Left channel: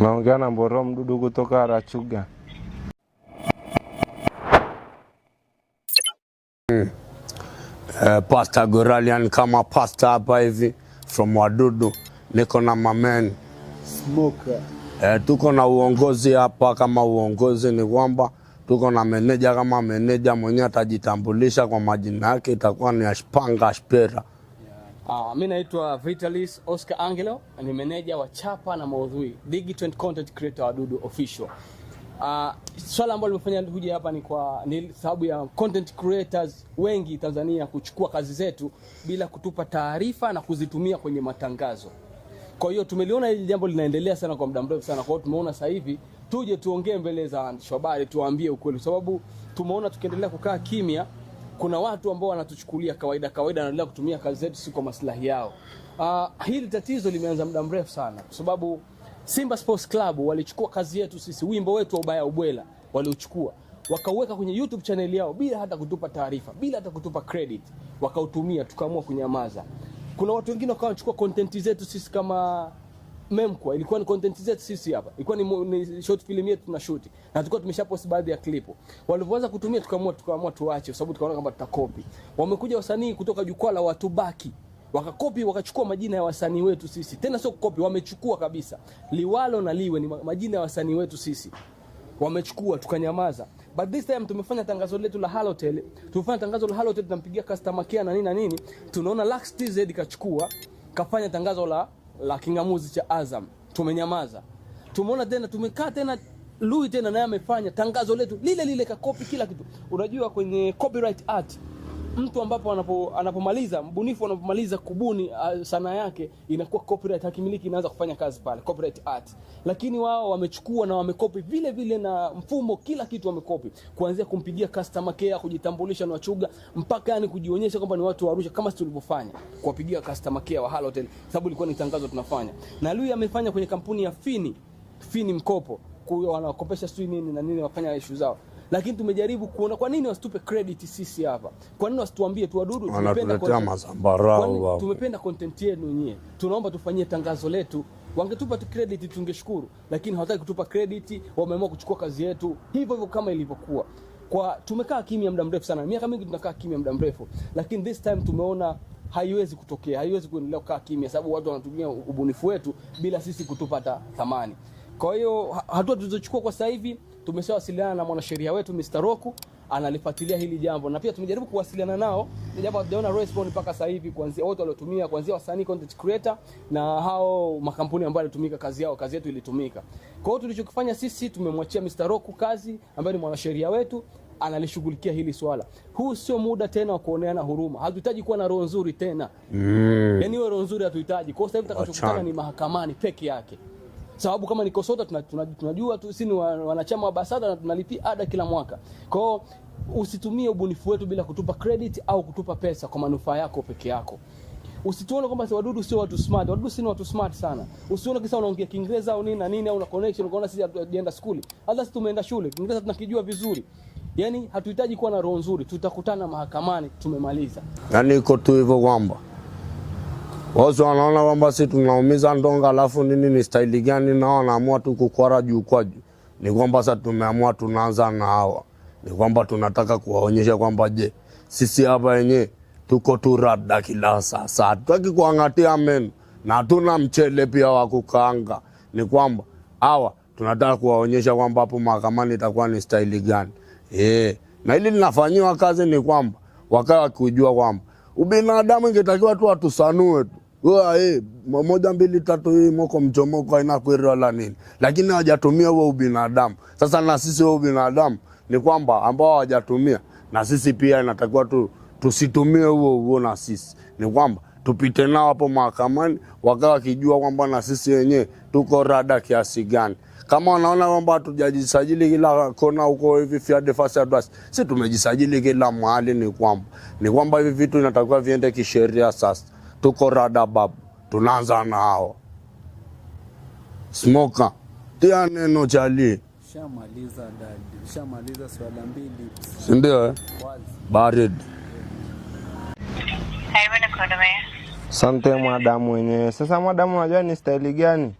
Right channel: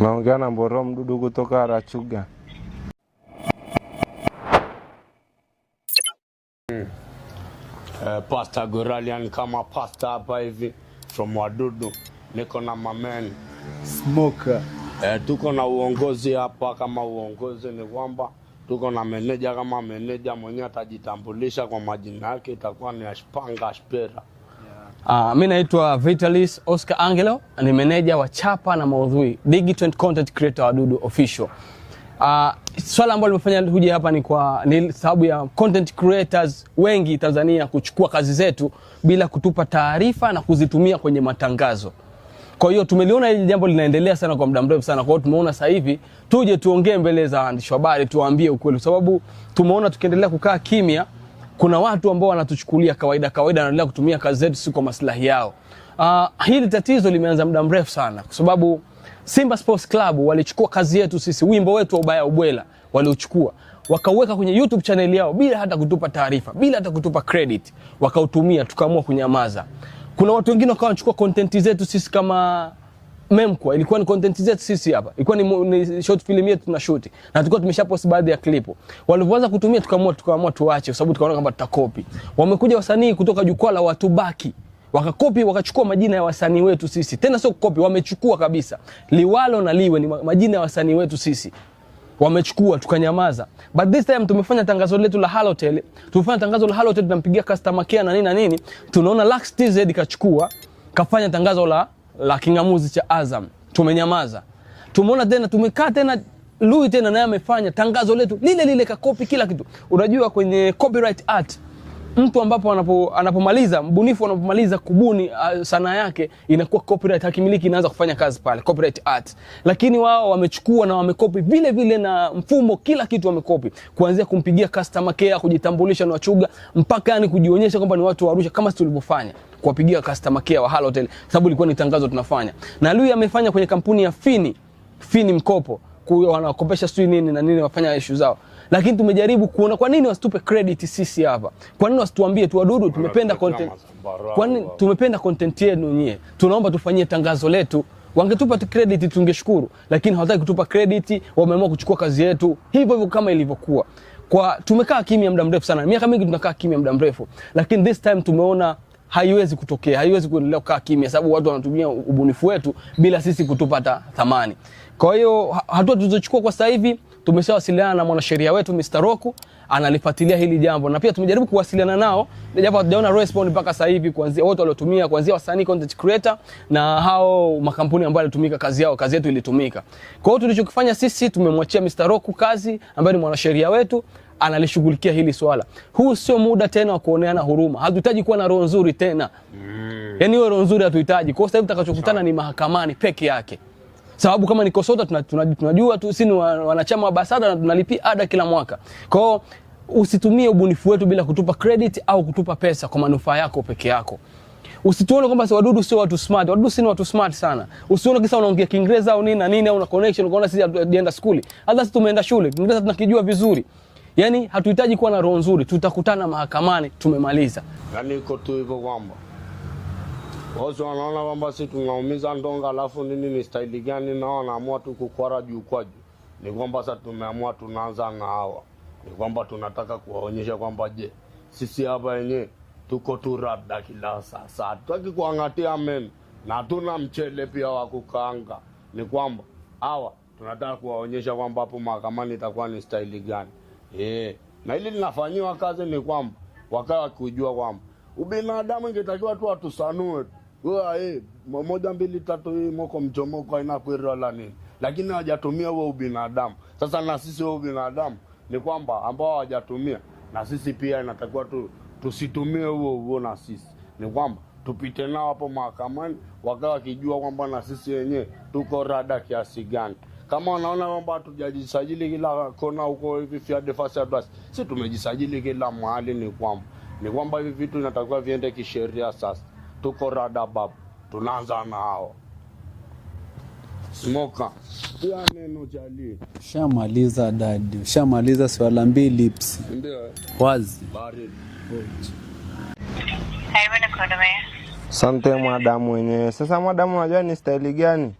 Unaongea na Mboro Mdudu kutoka Rachuga. Pastor Goralian kama pastor hapa hivi from Wadudu. Niko na mamen Smoker. Tuko na uongozi hapa. Kama uongozi ni kwamba tuko na meneja. Kama meneja mwenye atajitambulisha kwa majina yake itakuwa ni Ashpanga Ashpera. Mimi naitwa Vitalis Oscar Angelo, ni meneja wa chapa na maudhui Digital Content Creator Wadudu Official. Swala ambalo nimefanya huja hapa ni sababu ya content creators wengi Tanzania kuchukua kazi zetu bila kutupa taarifa na kuzitumia kwenye matangazo. Kwa hiyo tumeliona hili jambo linaendelea sana kwa muda mrefu sana. Kwa hiyo tumeona sasa hivi tuje tuongee mbele za waandishi wa habari, tuwaambie ukweli, sababu tumeona tukiendelea kukaa kimya kuna watu ambao wanatuchukulia kawaida wanaendelea kutumia kazi zetu si kwa maslahi yao. Hili tatizo limeanza muda mrefu sana kwa sababu Simba Sports Club walichukua kazi yetu sisi, wimbo wetu wa Ubaya Ubwela waliuchukua, wakauweka kwenye YouTube channel yao bila hata kutupa taarifa, bila hata kutupa credit, wakautumia, tukaamua kunyamaza. Kuna watu wengine wakawa wanachukua content zetu sisi kama Memkwa, ilikuwa ni content zetu sisi hapa, ilikuwa ni short film yetu tuna shoot na tulikuwa tumeshapost baadhi ya clip. Walipoanza kutumia tukaamua tuache kwa sababu tukaona kama tutakopi. Wamekuja wasanii kutoka jukwaa la Watu Baki, wakakopi, wakachukua majina ya wasanii wetu sisi. Tena sio kukopi, wamechukua kabisa. Liwalo na Liwe ni majina ya wasanii wetu sisi. Wamechukua, tukanyamaza. But this time tumefanya tangazo letu la Halotel. Tumefanya tangazo la Halotel, tunampigia customer care na nini. Tunaona Lux TZ kachukua, kafanya tangazo la kingamuzi cha Azam. Tumenyamaza. Tumeona tena tumekaa tena Lui tena naye amefanya tangazo letu lile kakopi kila kitu. Unajua kwenye copyright art mtu ambapo anapomaliza mbunifu anapomaliza kubuni sanaa yake inakuwa copyright, hakimiliki inaanza kufanya kazi pale copyright art. Lakini wao wamechukua na wamekopi vile na mfumo, kila kitu wamekopi, kuanzia kumpigia customer care, kujitambulisha na Wachuga, mpaka yani kujionyesha kwamba ni watu wa Arusha kama tulivyofanya kuwapigia customer care wa Halotel, sababu ilikuwa ni tangazo tunafanya. Na Lui amefanya kwenye kampuni ya Fini mkopo, wanakopesha sui nini na nini, wafanya issue zao. Lakini tumejaribu kuona kwa nini wasitupe credit sisi hapa. Kwa nini wasituambie tu Wadudu tumependa content. Kwa nini tumependa content yenu nyie? Tunaomba tufanyie tangazo letu. Wangetupa credit tungeshukuru, lakini hawataki kutupa credit, wameamua kuchukua kazi yetu hivyo kama ilivyokuwa. Kwa tumekaa kimya muda mrefu sana. Miaka mingi tunakaa kimya muda mrefu, lakini this time tumeona haiwezi kutokea, haiwezi kuendelea kukaa kimya sababu watu wanatumia ubunifu wetu bila sisi kutupa thamani. Kwa hiyo hatua tulizochukua kwa sasa hivi, tumeshawasiliana na mwanasheria wetu Mr. Roku, analifuatilia hili jambo, na pia tumejaribu kuwasiliana nao japo hatujaona response mpaka sasa hivi, kuanzia wote waliotumia, kuanzia wasanii content creator na hao makampuni ambao walitumika kazi yetu ilitumika. Kwa hiyo tulichokifanya sisi, tumemwachia Mr. Roku kazi ambaye ni mwanasheria wetu, analishughulikia hili swala. Huu sio muda tena wa kuoneana huruma. Hatuhitaji kuwa na roho nzuri tena. Yaani hiyo roho nzuri hatuhitaji. Kwa sababu tutakachokutana ni mahakamani peke yake. Sababu kama ni KOSOTA tunajua tu sisi ni wanachama wa BASATA na tunalipia ada kila mwaka. Kwa hiyo usitumie ubunifu wetu bila kutupa credit au kutupa pesa kwa manufaa yako peke yako. Usituone kwamba Wadudu sio watu smart. Wadudu si watu smart sana. Usione kisa unaongea Kiingereza au nini au una connection unaona sisi hatujaenda shule. Hata sisi tumeenda shule. Kiingereza tunakijua vizuri. Yaani hatuhitaji kuwa na roho nzuri, tutakutana mahakamani, tumemaliza. Yaani iko tu hivyo kwamba wao wanaona kwamba sisi tunaumiza ndonga, alafu nini ni style gani, na wanaamua tu kukwara juu kwa juu. Ni kwamba sasa tumeamua tunaanza na hawa. Ni kwamba tunataka kuwaonyesha kwamba je, sisi hapa yenyewe tuko tu rada kila sasa. Hatutaki kuangatia meno na hatuna mchele pia wa kukaanga. Ni kwamba hawa tunataka kuwaonyesha kwamba hapo mahakamani itakuwa ni style gani. Na hili linafanywa kazi ni kwamba wakawa kujua kwamba ubinadamu ingetakiwa tu atusanue tu. Wewe 1 2 3 hii moko mchomoko haina kweli wala nini. Lakini hawajatumia huo ubinadamu. Sasa na sisi huo ubinadamu ni kwamba ambao hawajatumia, na sisi pia inatakiwa tusitumie huo na sisi. Ni kwamba tupite nao hapo mahakamani wakawa kijua kwamba na sisi wenyewe tuko rada kiasi gani. Kama wanaona kwamba hatujajisajili kila kona huko hivi Fiat Fast Advance, sisi tumejisajili kila mahali. Ni kwamba hivi vitu inatakiwa viende kisheria. Sasa tuko rada babu, tunaanza na hao Smoker. Tia neno chali. Shamaliza dadi. Shamaliza swala 2 lips. Ndio wazi barid. Asante madamu wenyewe. Sasa madamu unajua ni style gani?